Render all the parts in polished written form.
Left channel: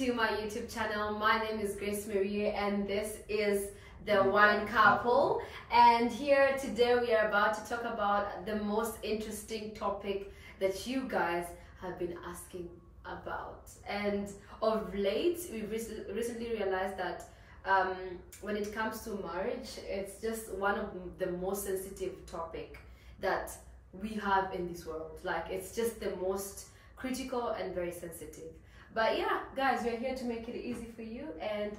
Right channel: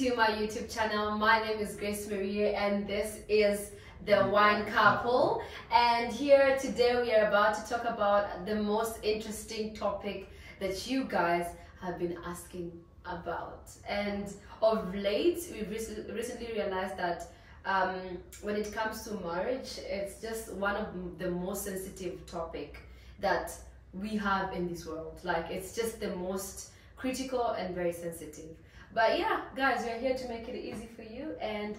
to my YouTube channel. My name is Grace Marie and this is The Wine Couple. And here today we are about to talk about the most interesting topic that you guys have been asking about. And of late, we've recently realized that when it comes to marriage, it's just one of the most sensitive topic that we have in this world. Like, it's just the most critical and very sensitive. But yeah, guys, we're here to make it easy for you. And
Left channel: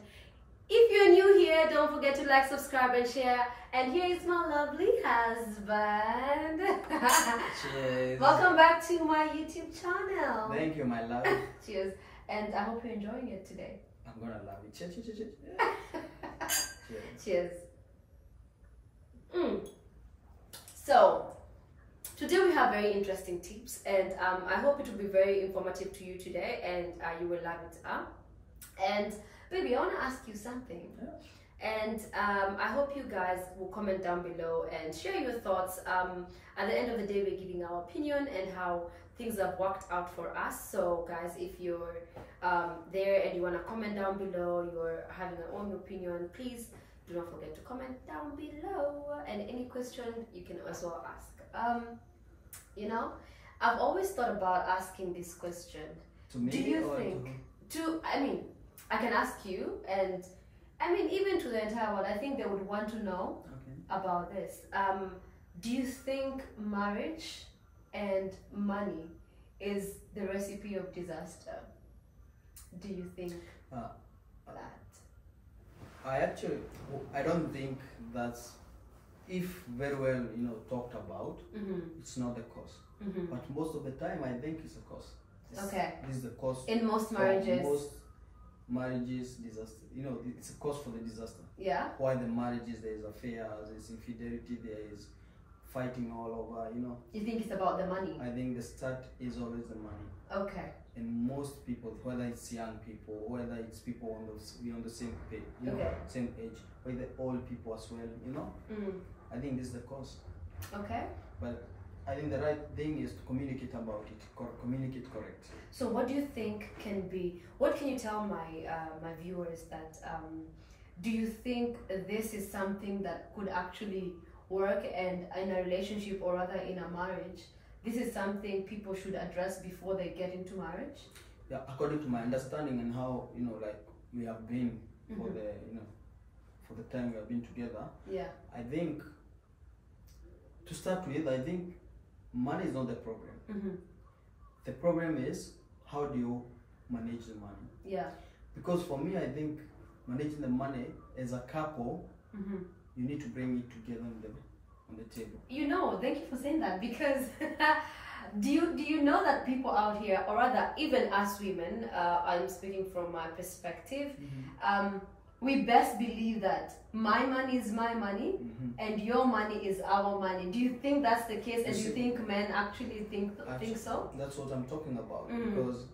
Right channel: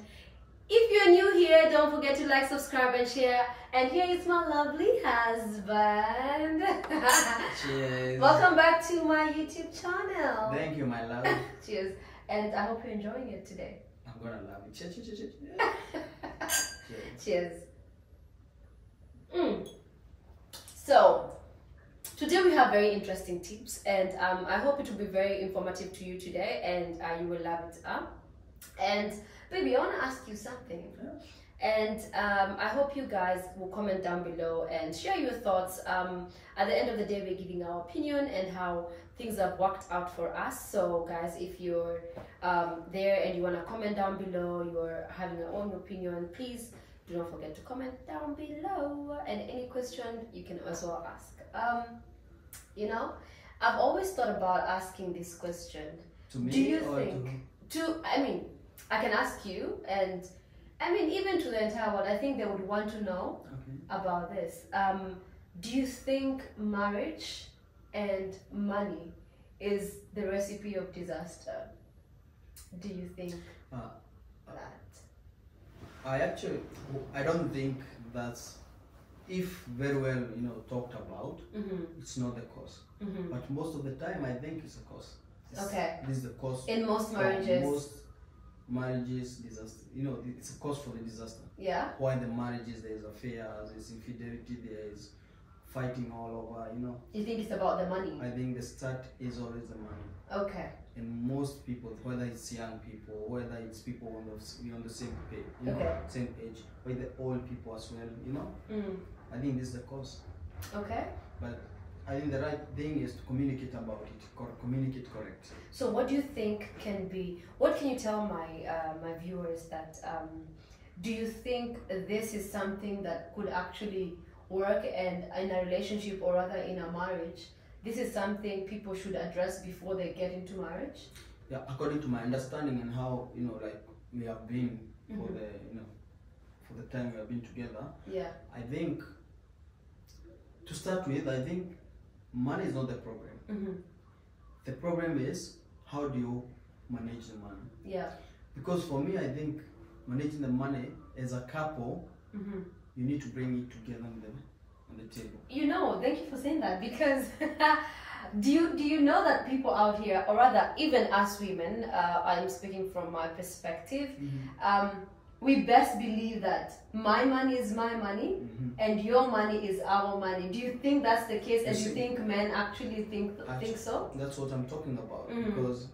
if you're new here, don't forget to like, subscribe, and share. And here is my lovely husband. Cheers. Welcome back to my YouTube channel. Thank you, my love. Cheers. And I hope you're enjoying it today. I'm gonna love it. Cheers, cheers, cheers, cheers. Cheers. So, today we have very interesting tips, and I hope it will be very informative to you today, and you will love it. And baby, I want to ask you something. Yeah. And I hope you guys will comment down below and share your thoughts. At the end of the day, we're giving our opinion and how things have worked out for us. So guys, if you're there and you want to comment down below, you're having your own opinion, please do not forget to comment down below. And any question you can also ask. You know, I've always thought about asking this question. To me, do you or think I mean, I can ask you, and I mean, even to the entire world, I think they would want to know about this. Do you think marriage and money is the recipe of disaster? Do you think that? I don't think that's, if very well, talked about, it's not the cause. But most of the time, I think it's a cause. This is the cause. In most marriages. Most marriages, disaster. It's a cause for the disaster. Yeah. Why the marriages, there is affairs, there is infidelity, there is fighting all over, You think it's about the money? I think the start is always the money. Okay. And most people, whether it's young people, whether it's people on the same page, same age, whether old people as well, I think this is the cause. Okay. But I think the right thing is to communicate about it, communicate correct. So what do you think what can you tell my my viewers that, do you think this is something that could actually work and in a relationship, or rather in a marriage? This is something people should address before they get into marriage? Yeah, according to my understanding and how, like we have been for for the time we have been together. Yeah. I think, to start with, I think money is not the problem. The problem is, how do you manage the money? Yeah. Because for me, I think managing the money as a couple, you need to bring it together on the table. Thank you for saying that, because do you know that people out here, or rather even us women, I'm speaking from my perspective, we best believe that my money is my money and your money is our money. Do you think that's the case? And do you think men actually think so? That's what I'm talking about. Because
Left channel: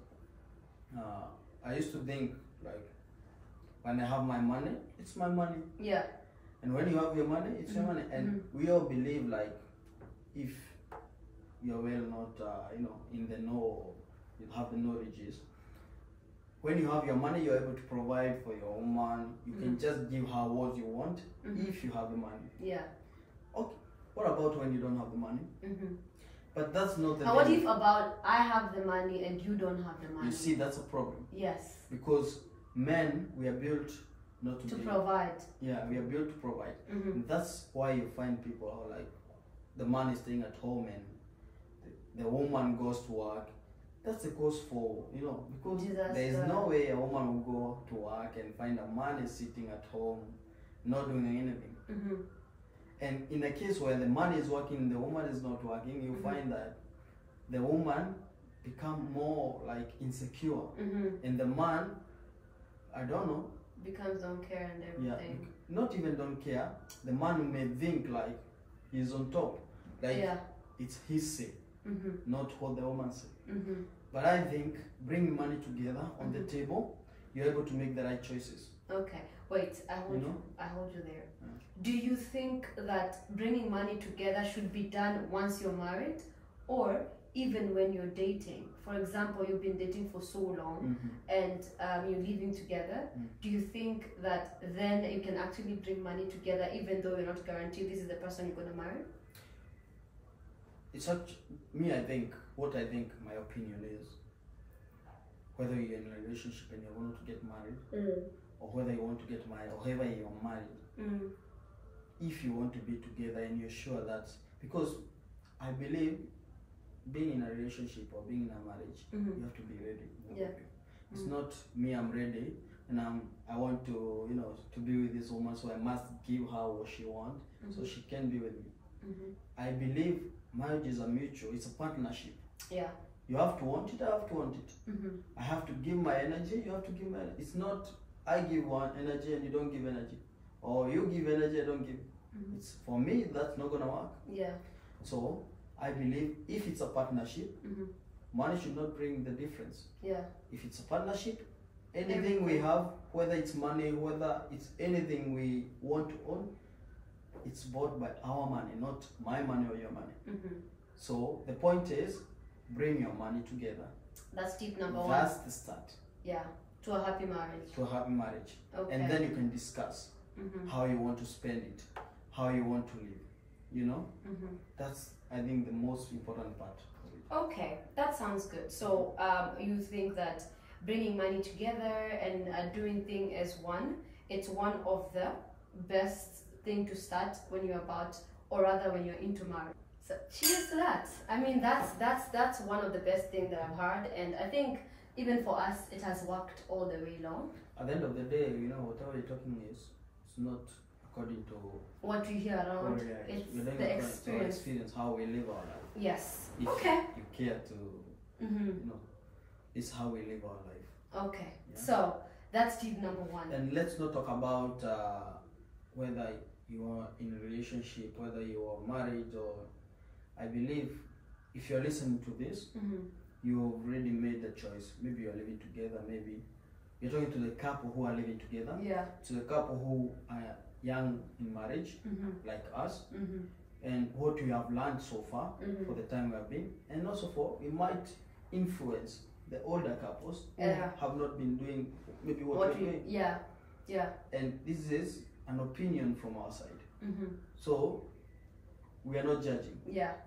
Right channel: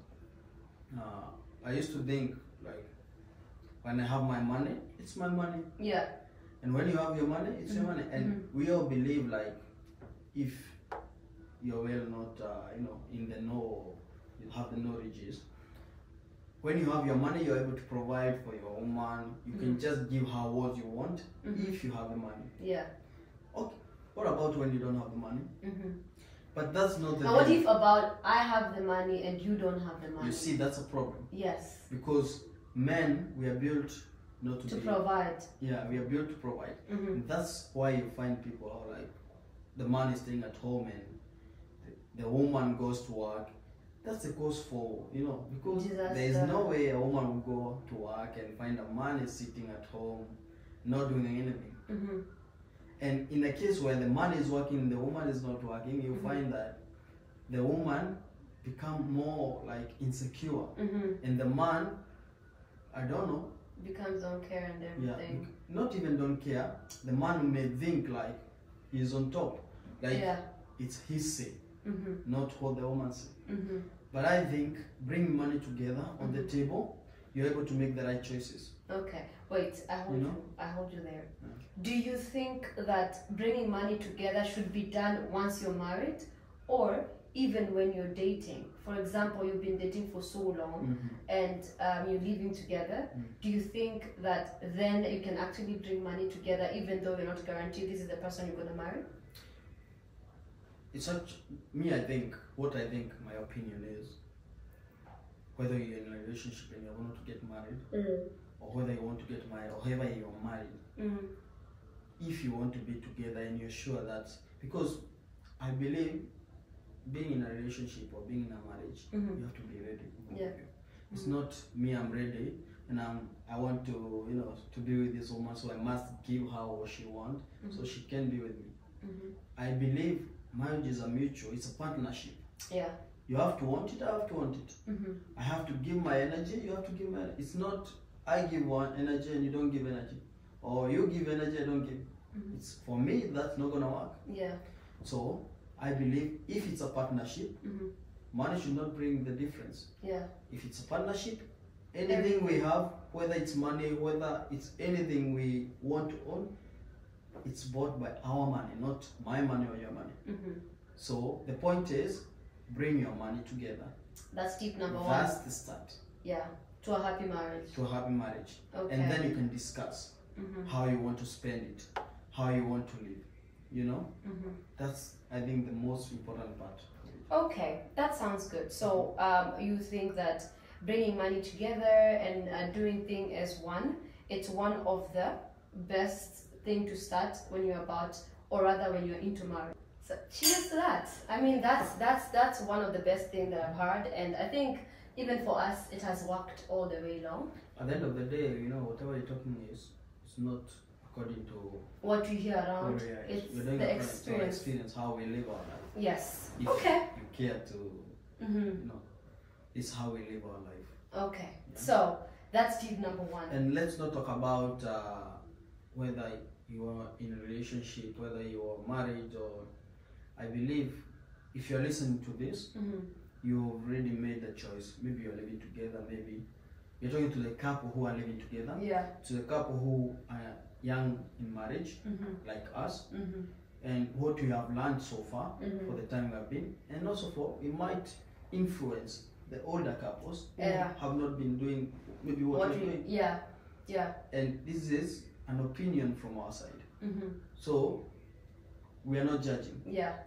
I used to think, like, when I have my money, it's my money. Yeah. And when you have your money, it's your money. And we all believe, like, if you're well not, in the know, you have the knowledges. When you have your money, you're able to provide for your woman. You can just give her what you want if you have the money. Yeah. Okay. What about when you don't have the money? But that's not the. And what if about I have the money and you don't have the money? You see, that's a problem. Yes. Because men, we are built not to provide. Yeah, we are built to provide. And that's why you find people who are like, the man is staying at home and the woman goes to work. That's the cause for, because disaster. There is no way a woman will go to work and find a man is sitting at home, not doing anything. And in the case where the man is working and the woman is not working, you find that the woman become more like insecure. And the man, I don't know, becomes don't care and everything. Yeah, not even don't care. The man may think like he's on top, like it's his say, not what the woman say. But I think bringing money together on the table, you're able to make the right choices. Okay, wait, I hold you there. Do you think that bringing money together should be done once you're married, or even when you're dating. For example, you've been dating for so long and you're living together. Do you think that then you can actually bring money together even though you're not guaranteed this is the person you're going to marry? It's not me. I think what I think my opinion is, whether you're in a relationship and you want to get married, or whether you want to get married, or whether you're married, if you want to be together and you're sure that, because I believe being in a relationship or being in a marriage, you have to be ready. Yeah. It's not me, I'm ready and I want to, you know, to be with this woman, so I must give her what she wants so she can be with me. I believe marriage is a mutual, it's a partnership. Yeah. You have to want it, I have to want it. I have to give my energy, you have to give my energy. It's not I give one energy and you don't give energy, or you give energy, I don't give. It's, for me, that's not gonna work. Yeah. So I believe if it's a partnership, money should not bring the difference. Yeah. If it's a partnership, anything we have, whether it's money, whether it's anything we want to own, it's bought by our money, not my money or your money. So the point is, bring your money together. That's tip number one. That's the start. Yeah. To a happy marriage. To a happy marriage. Okay. And then you can discuss how you want to spend it, how you want to live. You know? That's, I think, the most important part of it. Okay, that sounds good. So you think that bringing money together and doing things as one, it's one of the best thing to start when you're about, or rather when you're into marriage. So cheers to that. I mean, that's one of the best things that I've heard, and I think even for us it has worked all the way long. At the end of the day, you know, whatever you're talking is, it's not according to what you hear around. It's the experience, how we live our life. Yes. If okay. you care to, you know, it's how we live our life. Okay. Yeah? So that's tip number one. And let's not talk about whether you are in a relationship, whether you are married, or I believe if you're listening to this, you've already made the choice. Maybe you're living together, maybe you're talking to the couple who are living together, to the couple who are young in marriage, like us, and what we have learned so far for the time we have been, and also for it might influence the older couples who have not been doing maybe what we're doing. And this is an opinion from our side. So we are not judging.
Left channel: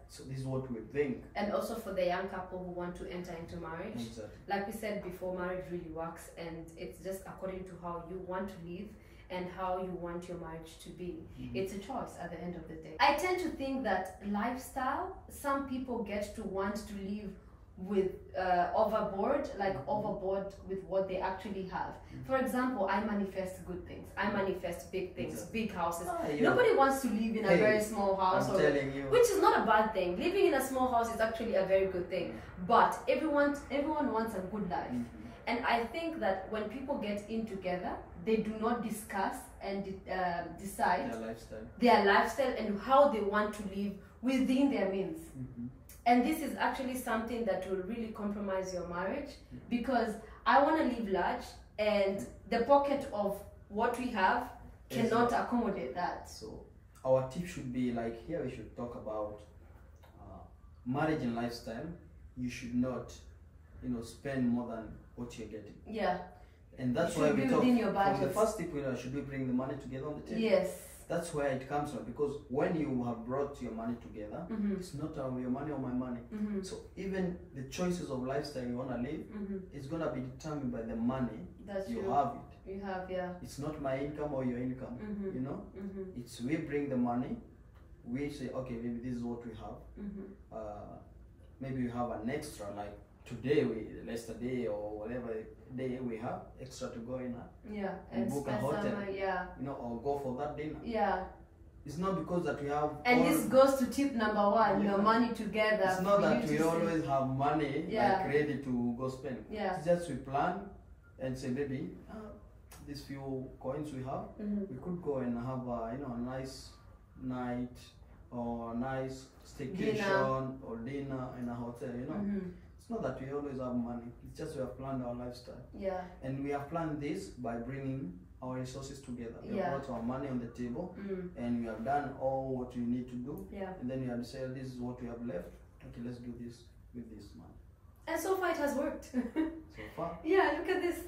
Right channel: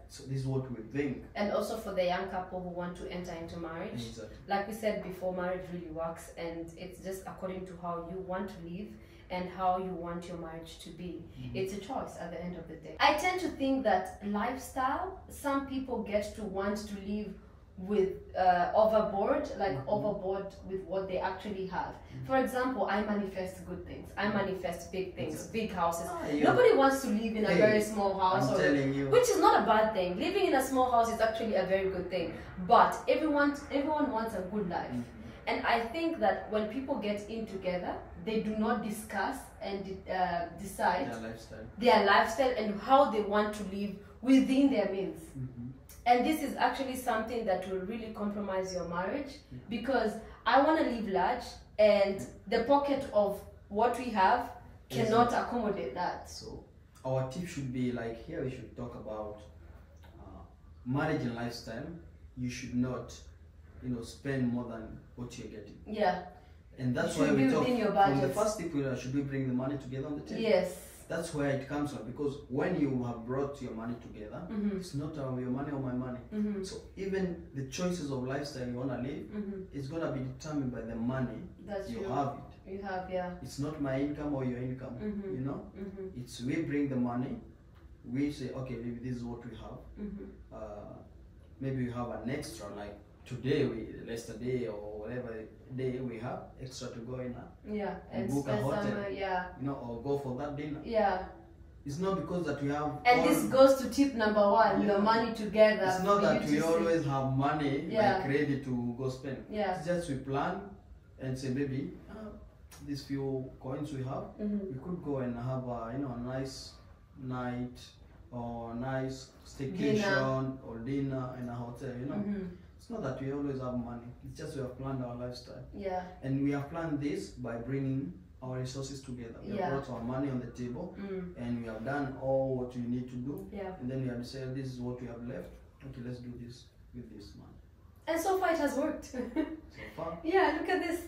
So this is what we think. And also for the young couple who want to enter into marriage. Exactly. Like we said before, marriage really works, and it's just according to how you want to live and how you want your marriage to be. It's a choice at the end of the day. I tend to think that lifestyle, some people get to want to live with overboard with what they actually have. For example, I manifest good things. I manifest big things, big houses. Nobody wants to live in a very small house, which is not a bad thing. Living in a small house is actually a very good thing. But everyone wants a good life. And I think that when people get in together, they do not discuss and decide their lifestyle and how they want to live within their means. And this is actually something that will really compromise your marriage, because I want to live large and the pocket of what we have cannot accommodate that. So our tip should be like, here we should talk about marriage and lifestyle. You should not, you know, spend more than what you're getting. And that's why we talk from the first tip, should we bring the money together on the table? That's where it comes from, because when you have brought your money together, it's not your money or my money. So even the choices of lifestyle you want to live, it's going to be determined by the money you have it. You have, It's not my income or your income, you know? It's we bring the money, we say, okay, maybe this is what we have. Maybe we have an extra, like today, yesterday or whatever day we have extra to go in and book a hotel, you know, or go for that dinner. It's not because that we have. And this goes to tip number one: your money together. It's not that we always have money like ready to go spend. It's just we plan and say, maybe these few coins we have, we could go and have a, you know, a nice night or nice staycation or dinner in a hotel, you know. It's not that we always have money, it's just we have planned our lifestyle. And we have planned this by bringing our resources together. We have brought our money on the table, and we have done all what we need to do. And then we have decided this is what we have left. Okay, let's do this. with this man. And so far it has worked. So far. Yeah, look at this.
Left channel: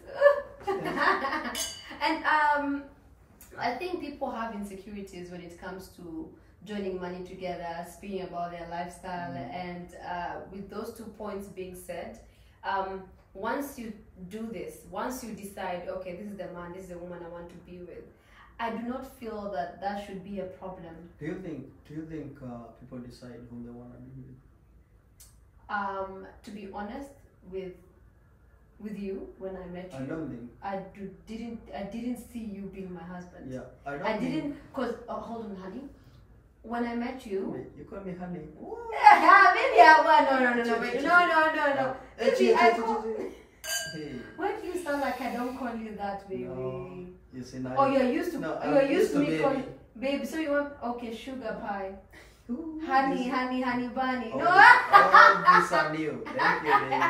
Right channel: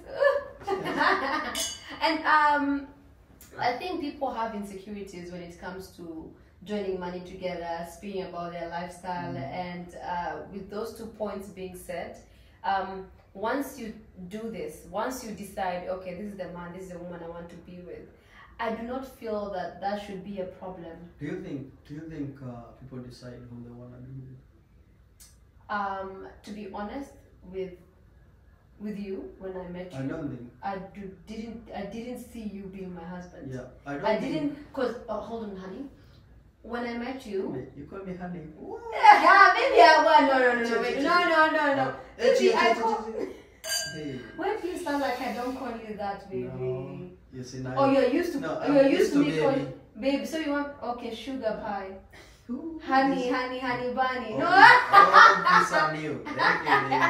And I think people have insecurities when it comes to joining money together, speaking about their lifestyle, and with those 2 points being said, once you do this, once you decide, okay, this is the man, this is the woman I want to be with, I do not feel that that should be a problem. Do you think people decide who they want to be with? To be honest, with you, when I met you, I don't think. I didn't see you being my husband. Yeah, I didn't, cause hold on, honey. When I met you, wait, you call me honey. maybe I want no. Maybe I call. Hey. Why do you sound like I don't call you that, baby? No, you see now. Oh, you're used to. No, you're used to me baby. calling baby. So you want sugar pie, Ooh, honey bunny. Oh, No. oh, these are new. Thank you, baby.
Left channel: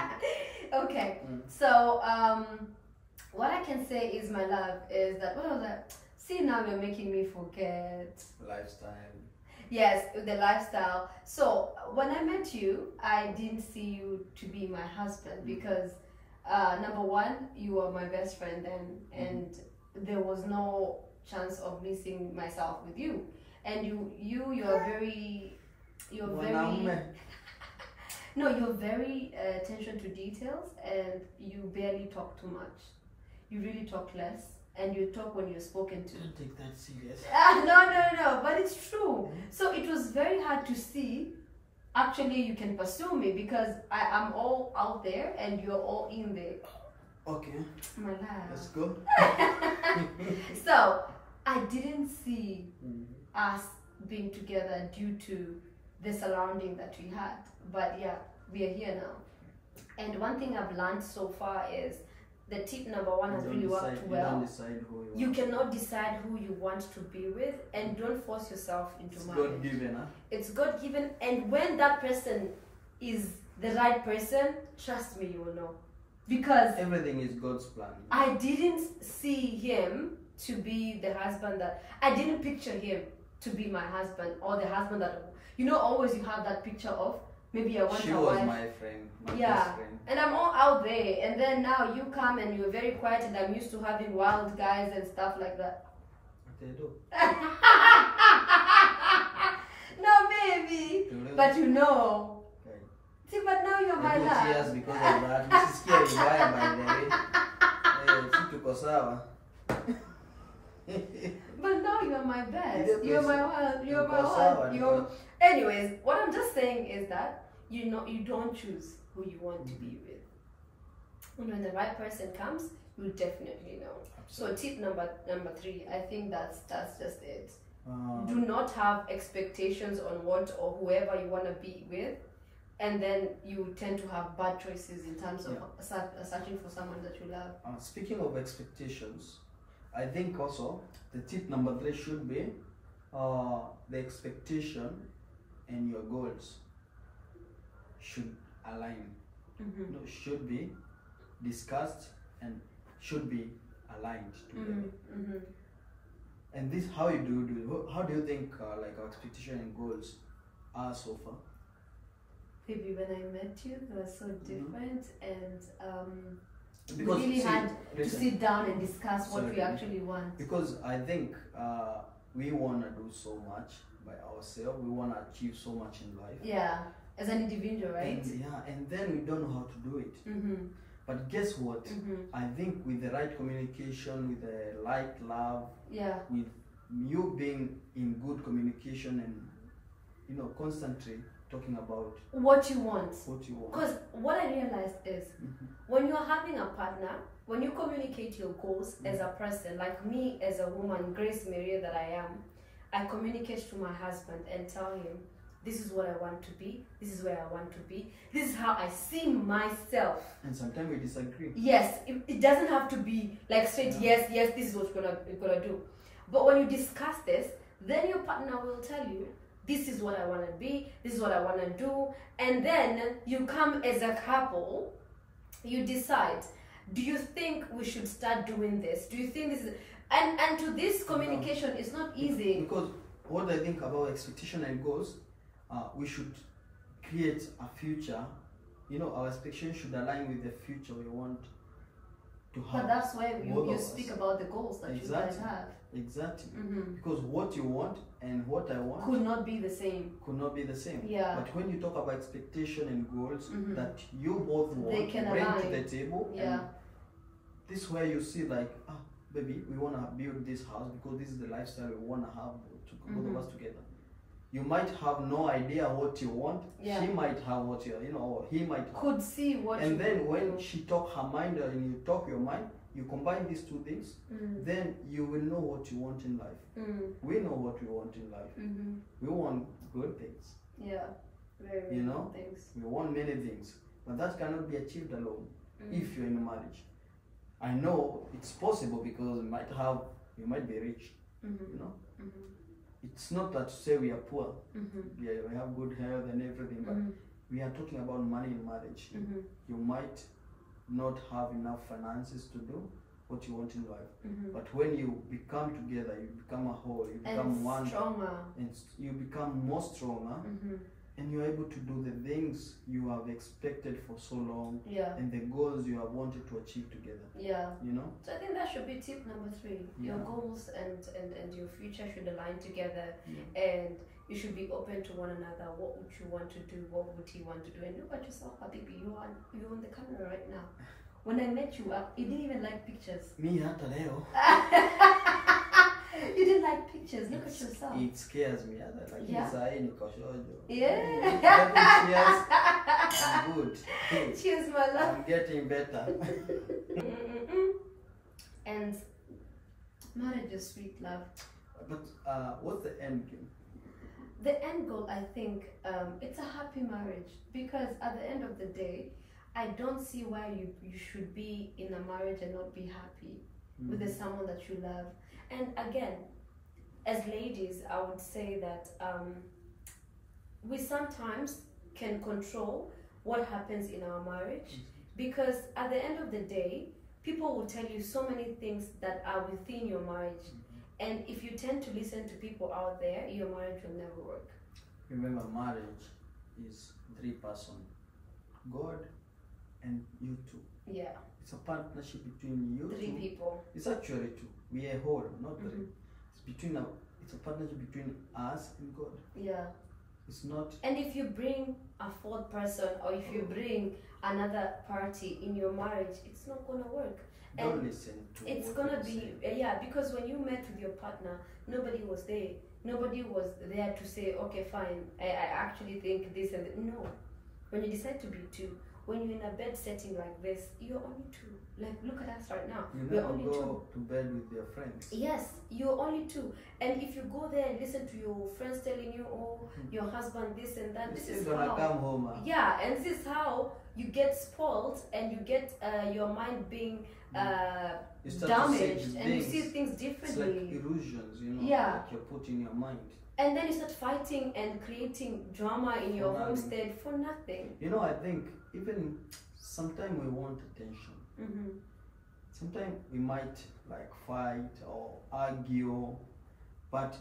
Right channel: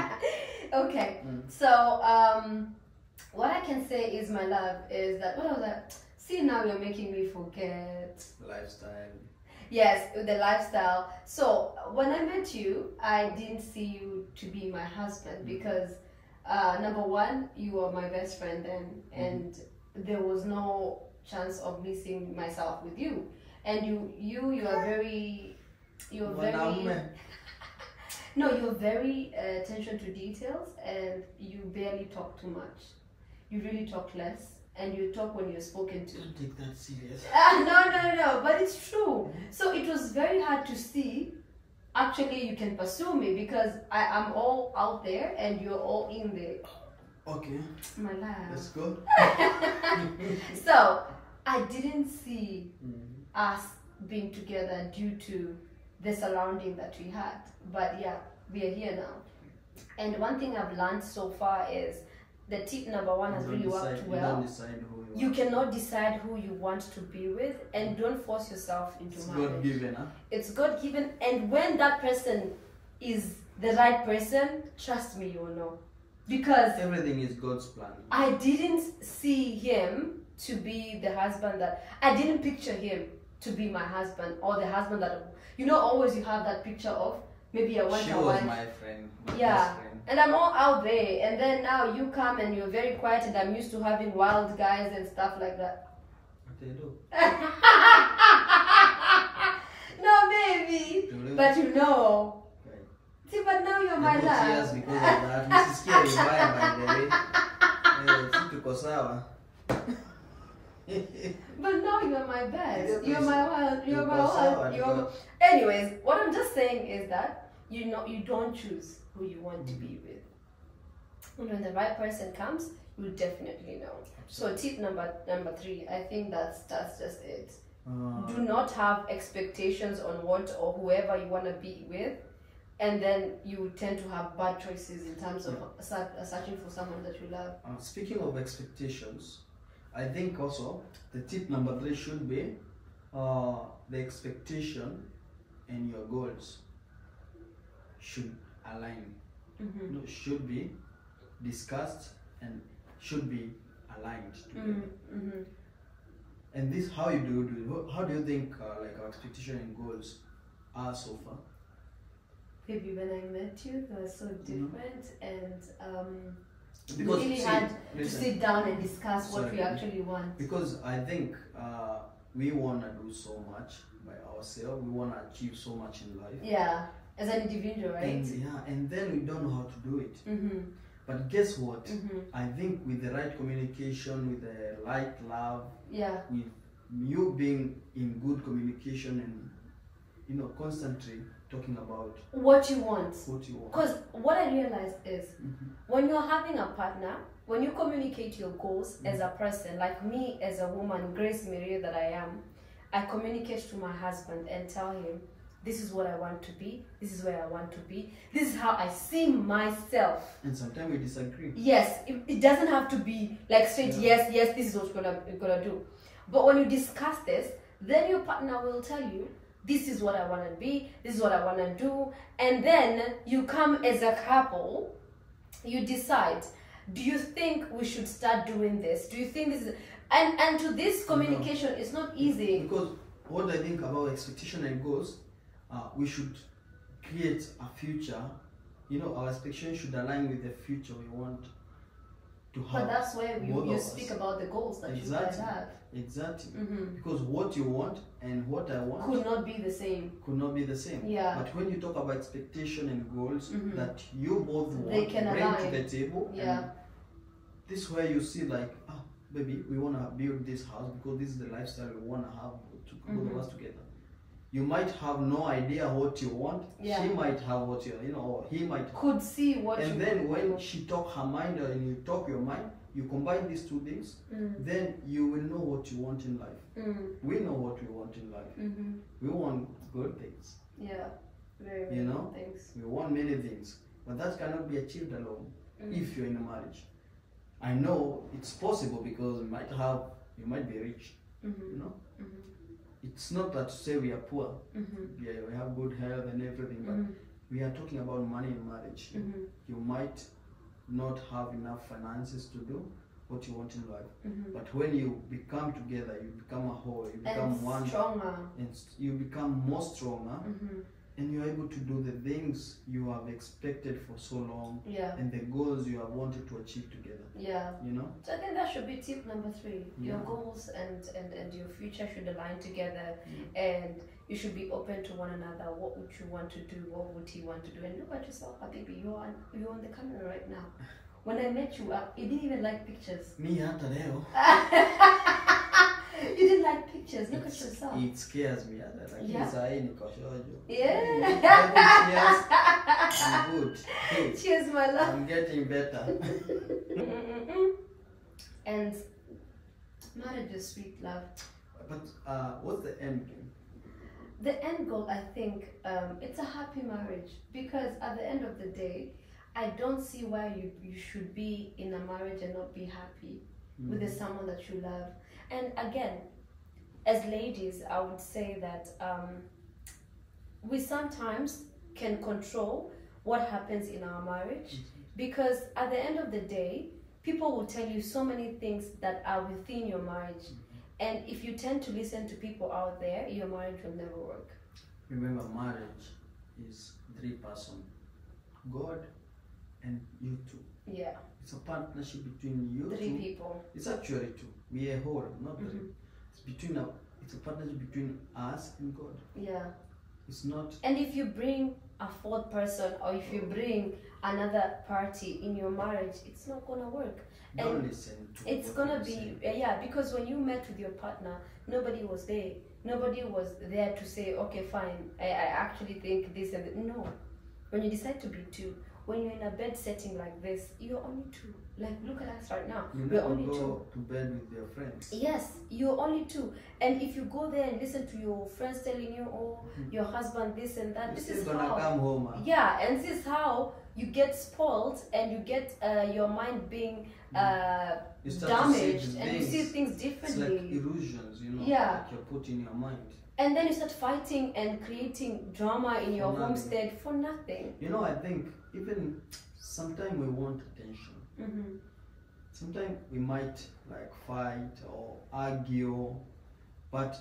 Okay. So what I can say is, my love, is that what was that? See, now you're making me forget. Lifestyle. Yes, the lifestyle. So when I met you, I didn't see you to be my husband because number one, you were my best friend then, and there was no chance of missing myself with you. And you're very no, you're very attention to details, and you barely talk too much. You really talk less, and you talk when you're spoken to. Don't take that serious. No, but it's true. So it was very hard to see. Actually, you can pursue me because I'm all out there and you're all in there. Okay. My love. Let's go. So I didn't see us being together due to the surrounding that we had. But yeah, we are here now. And one thing I've learned so far is the tip number one has really worked well. You don't decide who you cannot decide who you want to be with, and don't force yourself into marriage. God given, huh? It's God given, and when that person is the right person, trust me, you will know. Because everything is God's plan. I didn't see him to be the husband that I didn't picture him to be my husband, or the husband that always you have that picture of. Maybe I want she a was wife. my friend, my Yeah, best friend. and I'm all out there, and then now you come and you're very quiet, and I'm used to having wild guys and stuff like that. What they do? No, baby, but you know. Okay. See, but now you're my I got love. tears because of that. Mrs. Kia is buying, by the way. Tuko sawa. But now you're my best. You're my one. You're my Sawa, one. Anyways, what I'm just saying is that you don't choose who you want to be with. And when the right person comes, you'll definitely know. So tip number 3, I think that's just it. Do not have expectations on what or whoever you want to be with, and then you tend to have bad choices in terms of searching for someone that you love. Speaking of expectations, I think also the tip number 3 should be the expectation and your goals should align. Should be discussed and should be aligned together. And this, how do you think like our expectation and goals are so far? Maybe when I met you, they were so different, and because we really had to sit down and discuss what we actually want. Because I think we want to do so much by ourselves. We want to achieve so much in life. Yeah, as an individual, right? And then we don't know how to do it. But guess what? I think with the right communication, with the right love, with you being in good communication and constantly talking about what you want. Because what I realized is when you're having a partner, when you communicate your goals as a person, like me as a woman, Grace Maria that I am, I communicate to my husband and tell him, this is what I want to be, this is where I want to be, this is how I see myself. And sometimes we disagree. Yes, it doesn't have to be like straight, yes, this is what we're gonna do. But when you discuss this, then your partner will tell you, this is what I want to be, this is what I want to do, and then you come as a couple, you decide, do you think we should start doing this? Do you think this is... And to this communication, it's not easy. Because what I think about expectation and goals, we should create a future you know, our expectations should align with the future we want to have. But that's where you speak about the goals that you guys have. Exactly. Because what you want and what I want could not be the same. Could not be the same. Yeah. But when you talk about expectation and goals that you both want, they can bring align to the table, yeah. and this is where you see like, baby, we want to build this house because this is the lifestyle we want to have both of us together. You might have no idea what you want. Yeah. She might have what you know, or he might could see what. And then when she talk her mind and you talk your mind, you combine these two things, then you will know what you want in life. We know what we want in life. We want good things. Yeah, very, very you know, good things. We want many things, but that cannot be achieved alone if you're in a marriage. I know it's possible because you might be rich, you know. It's not that to say we are poor. Yeah, we have good health and everything, but we are talking about money in marriage. You might not have enough finances to do what you want in life, but when you become together, you become a whole, you become one, stronger, and you become more stronger, and you're able to do the things you have expected for so long, and the goals you have wanted to achieve together. Yeah, you know. So I think that should be tip number 3. Your goals and your future should align together, and you should be open to one another. What would you want to do? What would he want to do? And look at yourself, Habibi. You're on the camera right now. When I met you, you didn't even like pictures. Me hata leo. You didn't like pictures. Look at yourself. It scares me. Yeah. Yeah. Cheers. I'm good. Hey, cheers, my love. I'm getting better. And marriage is sweet, love. But what's the end game? The end goal, I think, it's a happy marriage, because at the end of the day, I don't see why you should be in a marriage and not be happy with the someone that you love. And again, as ladies, I would say that we sometimes can control what happens in our marriage, because at the end of the day, people will tell you so many things that are within your marriage. And if you tend to listen to people out there, your marriage will never work. Remember, marriage is 3 persons, God and you two. Yeah. It's a partnership between you 3 people. It's actually 2. We are whole, not 3. It's a partnership between us and God. Yeah. It's not. And if you bring a 4th person, or if you bring another party in your marriage, it's not gonna work. Don't listen to it's what gonna say. be because when you met with your partner, nobody was there. Nobody was there to say, okay, fine, I actually think this and that. No. When you decide to be 2, when you're in a bed setting like this, you're only 2. Like, look at us right now. You we're never only go 2 to bed with your friends. Yes, you're only 2. And if you go there and listen to your friends telling you, oh, your husband this and that, this is gonna how. Come home. Yeah, and this is how you get spoiled, and you get your mind being damaged, and you see things differently. It's like illusions, you know, yeah. that you're putting in your mind. And then you start fighting and creating drama in your homestead for nothing. You know, I think even sometimes we want attention. Sometimes we might like fight or argue, but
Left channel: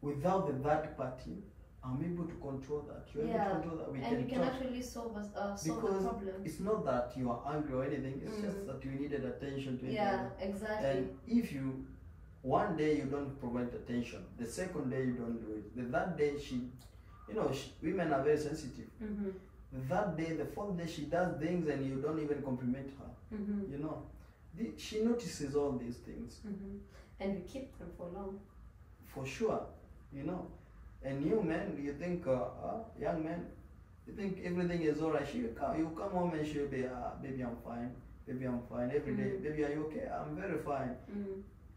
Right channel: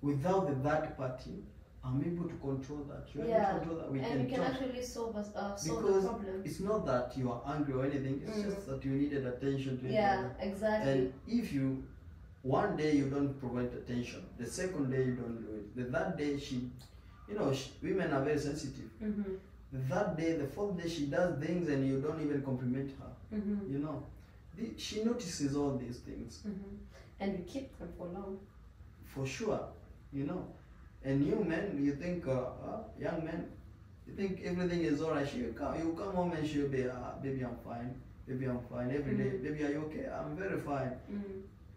without the third party, I'm able to control that. You're able to control that. We and can you can talk. actually solve the Because problem. it's not that you are angry or anything, it's just that you needed attention to it. Yeah, exactly. And if you, one day you don't provide attention, the second day you don't do it, the third day women are very sensitive. The third day, the fourth day, she does things and you don't even compliment her. You know, she notices all these things. And we keep them for long. For sure, you know. And you men, you think, young men, you think everything is alright. You come home and she'll be, baby, I'm fine. Baby, I'm fine. Every day, baby, are you okay? I'm very fine.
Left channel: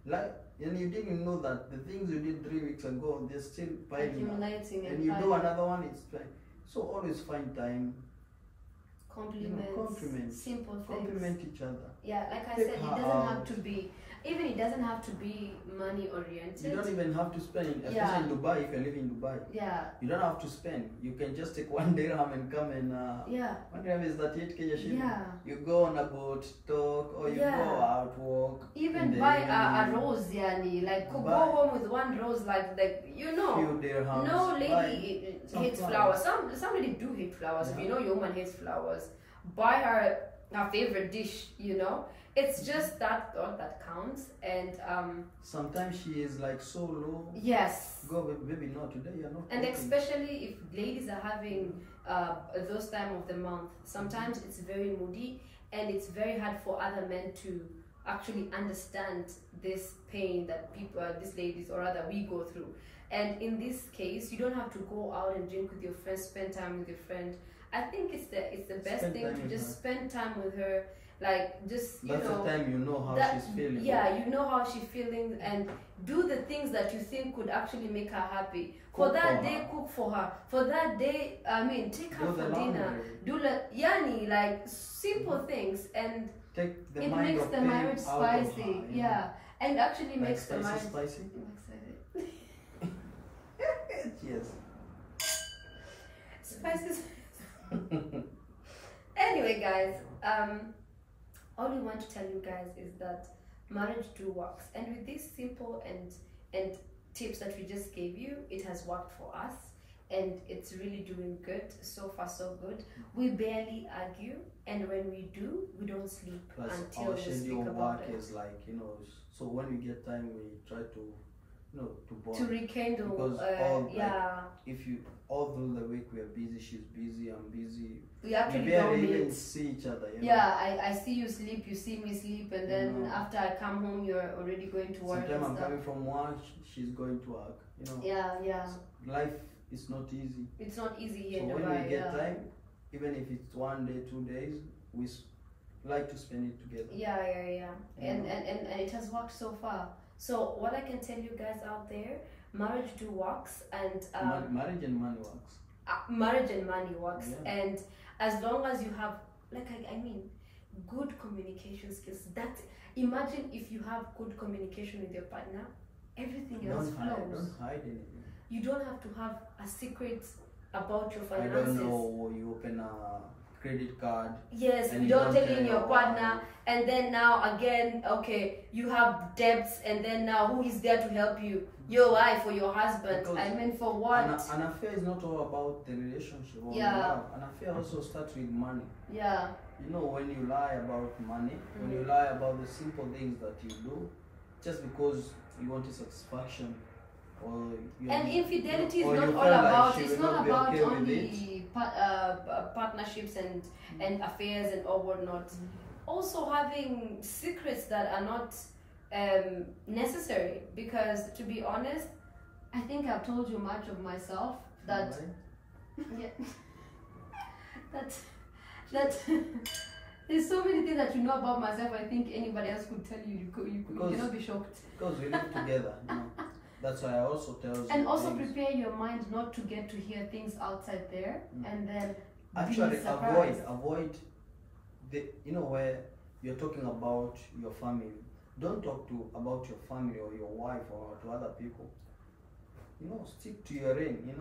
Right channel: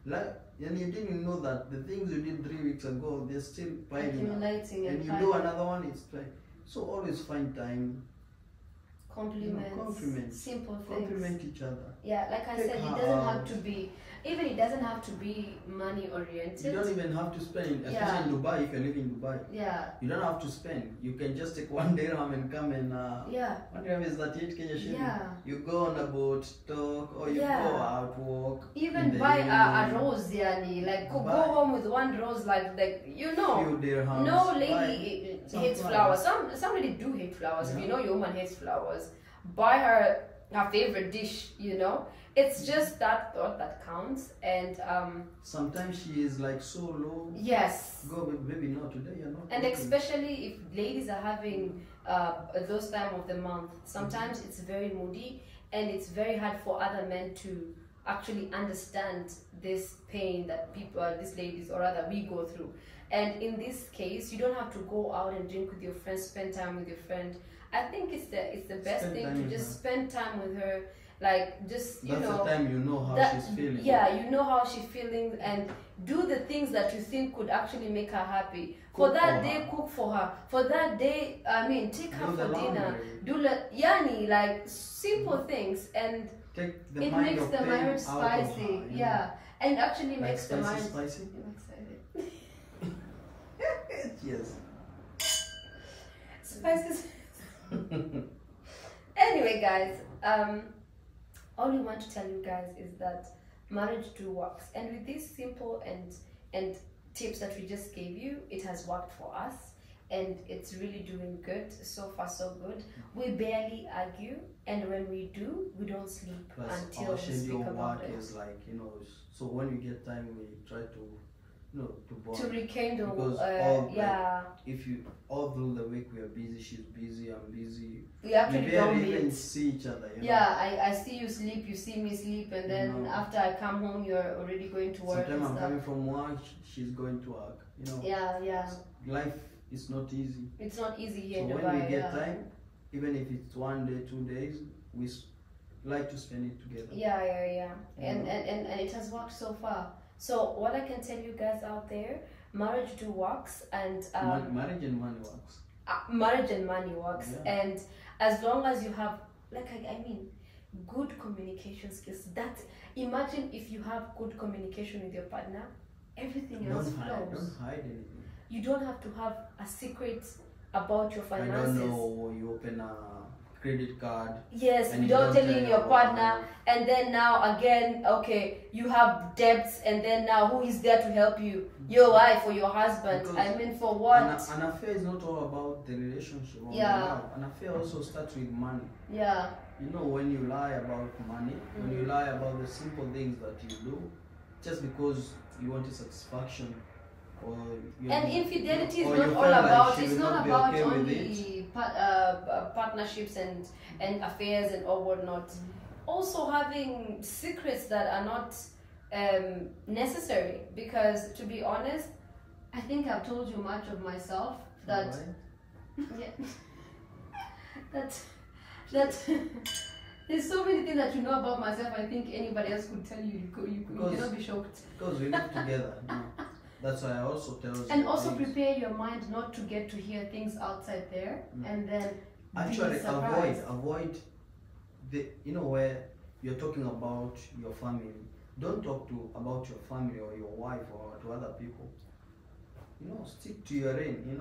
Like, and you didn't know that the things you did 3 weeks ago, they're still piling up. And you do another one, it's fine. So always find time. Compliments. Simple things. Compliment each other. Yeah, like I said, it doesn't have to be even it doesn't have to be money oriented. You don't even have to spend, especially Yeah. in Dubai. If you're living in Dubai, Yeah, you don't have to spend. You can just take 1 dirham and come and yeah, 1 dirham is 38 Kenya shilling. yeah. You go on a boat, talk, or you Yeah. go out, walk. in Even the buy a evening, rose, yani, like go Buy- home with one rose, like you know. Few dirhams. No buy lady some hates flowers. Some lady do hate flowers. If Yeah. you know your woman hates flowers, buy her favorite dish. You know, it's just that thought that counts. And Sometimes she is like so low. yes, Go, baby, no, today you're not. and cooking. especially if ladies are having those time of the month, sometimes it's very moody, and it's very hard for other men to actually understand this pain that people, these ladies, or rather we go through. And in this case, you don't have to go out and drink with your friend, spend time with your friend. I think it's the best Spend thing time to with just her. spend time with her, like just you That's know. the time you know how that- she's feeling. Yeah, you know how she's feeling, and do the things that you think could actually make her happy. For Cook that for day, her. cook for her. For that day, I mean, take her Do the for dinner. laundry. Do yani, like simple things, and Take the it mind makes of the pain marriage out of her, spicy. you know. Yeah, and it actually Like makes the marriage spicy. Yes. spicy. Anyway, guys, all we want to tell you guys is that marriage do works, and with these simple and tips that we just gave you, it has worked for us, and it's really doing good. So far, so good. We barely argue, and when we do, we don't sleep Plus, until our we speak schedule about work it. is like, so when we get time, we try to, to bond. To rekindle, Because all, like, yeah, if you, all through the week, we are busy, she's busy, I'm busy. we actually we don't barely even meet. see each other, you know. Yeah, I see you sleep, you see me sleep, and then No. after I come home, you're already going to work. Sometimes and I'm stuff. coming from work, she's going to work, Yeah, Life is not easy. it's not easy So here in when Dubai. we get Yeah. time, even if it's 1 day, 2 days, we like to spend it together. Yeah. And, Mhm. and it has worked so far. So what I can tell you guys out there, marriage do works, and Marriage and money works. marriage and money works, Yeah. and as long as you have, like I mean, good communication skills. That imagine if you have good communication with your partner, everything else Don't flows. hide anything. You don't have to have a secret about your I finances. don't know, you open a credit card. Yes, And we you don't tell tell your your partner, wife. and then now again, okay, you have debts, and then now who is there to help you? Your wife or your husband? Because I mean, for what? An affair is not all about the relationship or Yeah. love. An affair also starts with money. Yeah, When you lie about money, when you lie about the simple things that you do, just because you want a satisfaction, or and infidelity is or not you all feel like about. she It's will not not be about okay with only partnerships and affairs and all whatnot. Also having secrets that are not necessary, because to be honest, I think I've told you much of myself that. Right? Yeah. that there's so many things that you know about myself. I think anybody else could tell you. You Because- cannot be shocked. Because we live together. That's why I also tell you. And also things. prepare your mind not to get to hear things outside there, and then Actually, be surprised. avoid the where you're talking about your family. Don't talk about your family or your wife or to other people. Stick to your lane.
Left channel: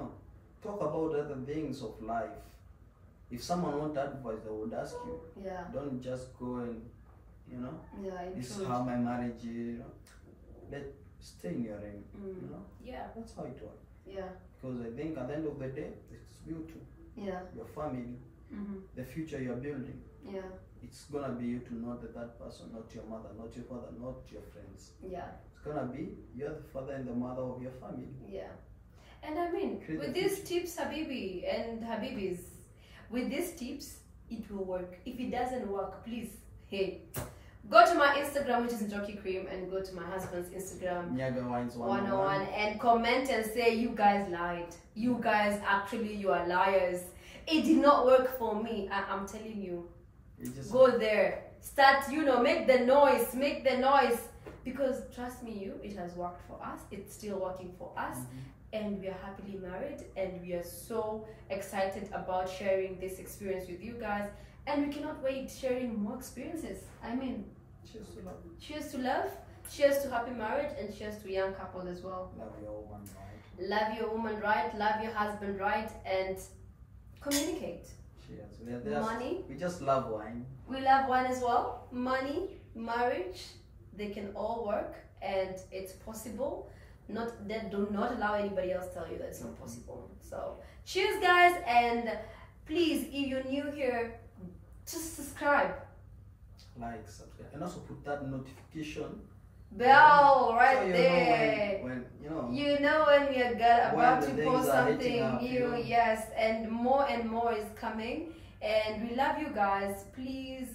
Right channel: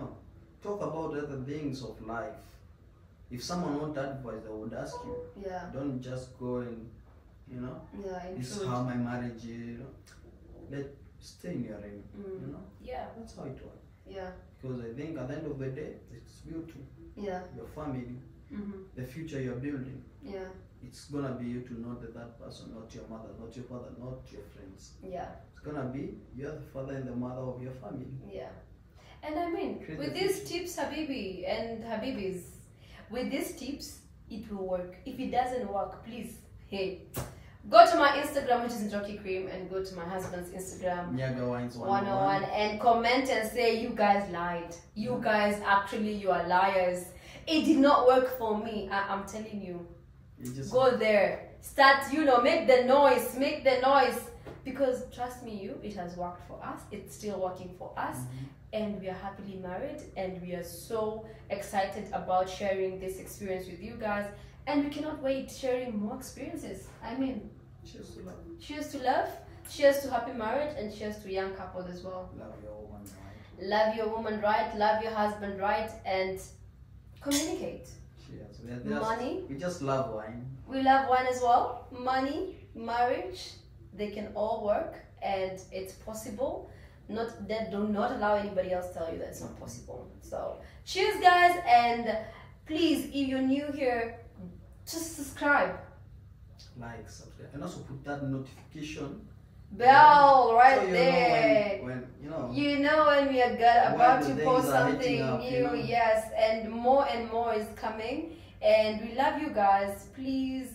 Talk about other things of life. If someone wants advice, they would ask you. Yeah, Don't just go and yeah, this is intrude. how my marriage is. Stay in your lane. Yeah, That's how it works. yeah, Because I think at the end of the day, it's you two, yeah, your family, the future you're building. yeah, It's gonna be you to know that person, not your mother, not your father, not your friends. yeah, It's gonna be you're the father and the mother of your family. yeah. And I mean, Create with the these future. tips, Habibi and Habibis, with these tips, it will work. If it doesn't work, please, hey, go to my Instagram, which is Njoki Cream, and go to my husband's Instagram, Nyaga Wines 101, and comment and say you guys lied. You guys you are liars. It did not work for me. I'm telling you. You just Go there. Start, make the noise. Because trust me, it has worked for us. It's still working for us. And we are happily married, and we are so excited about sharing this experience with you guys. And we cannot wait sharing more experiences. I mean, cheers to love. cheers to love. cheers to happy marriage and cheers to young couples as well. Love your woman, right? Love your woman right, love your husband right, and communicate. Cheers. Money. We just love wine. We love wine as well. Money, marriage, they can all work and it's possible. Not that, do not allow anybody else tell you that it's not possible. So cheers guys, and please, if you're new here, just subscribe. Like, subscribe, and also put that notification Bell right so you there. know when you know when we are about when to the post things are hitting something up, new. you know. Yes, and more is coming. And we love you guys. Please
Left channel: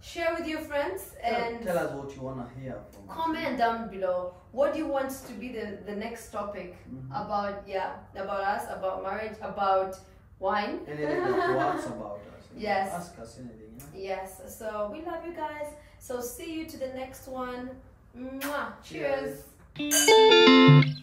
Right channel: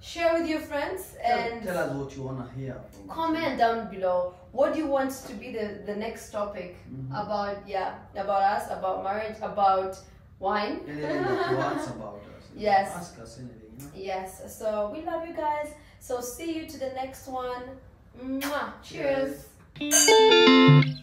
share with your friends and tell us what you want to hear from us. comment down below. What do you want to be the next topic about? Yeah, about us, about marriage, about wine. Anything that works about us. Yes. Ask us anything. You know? Yes. So we love you guys. So see you to the next one. Mwah. Cheers. Cheers.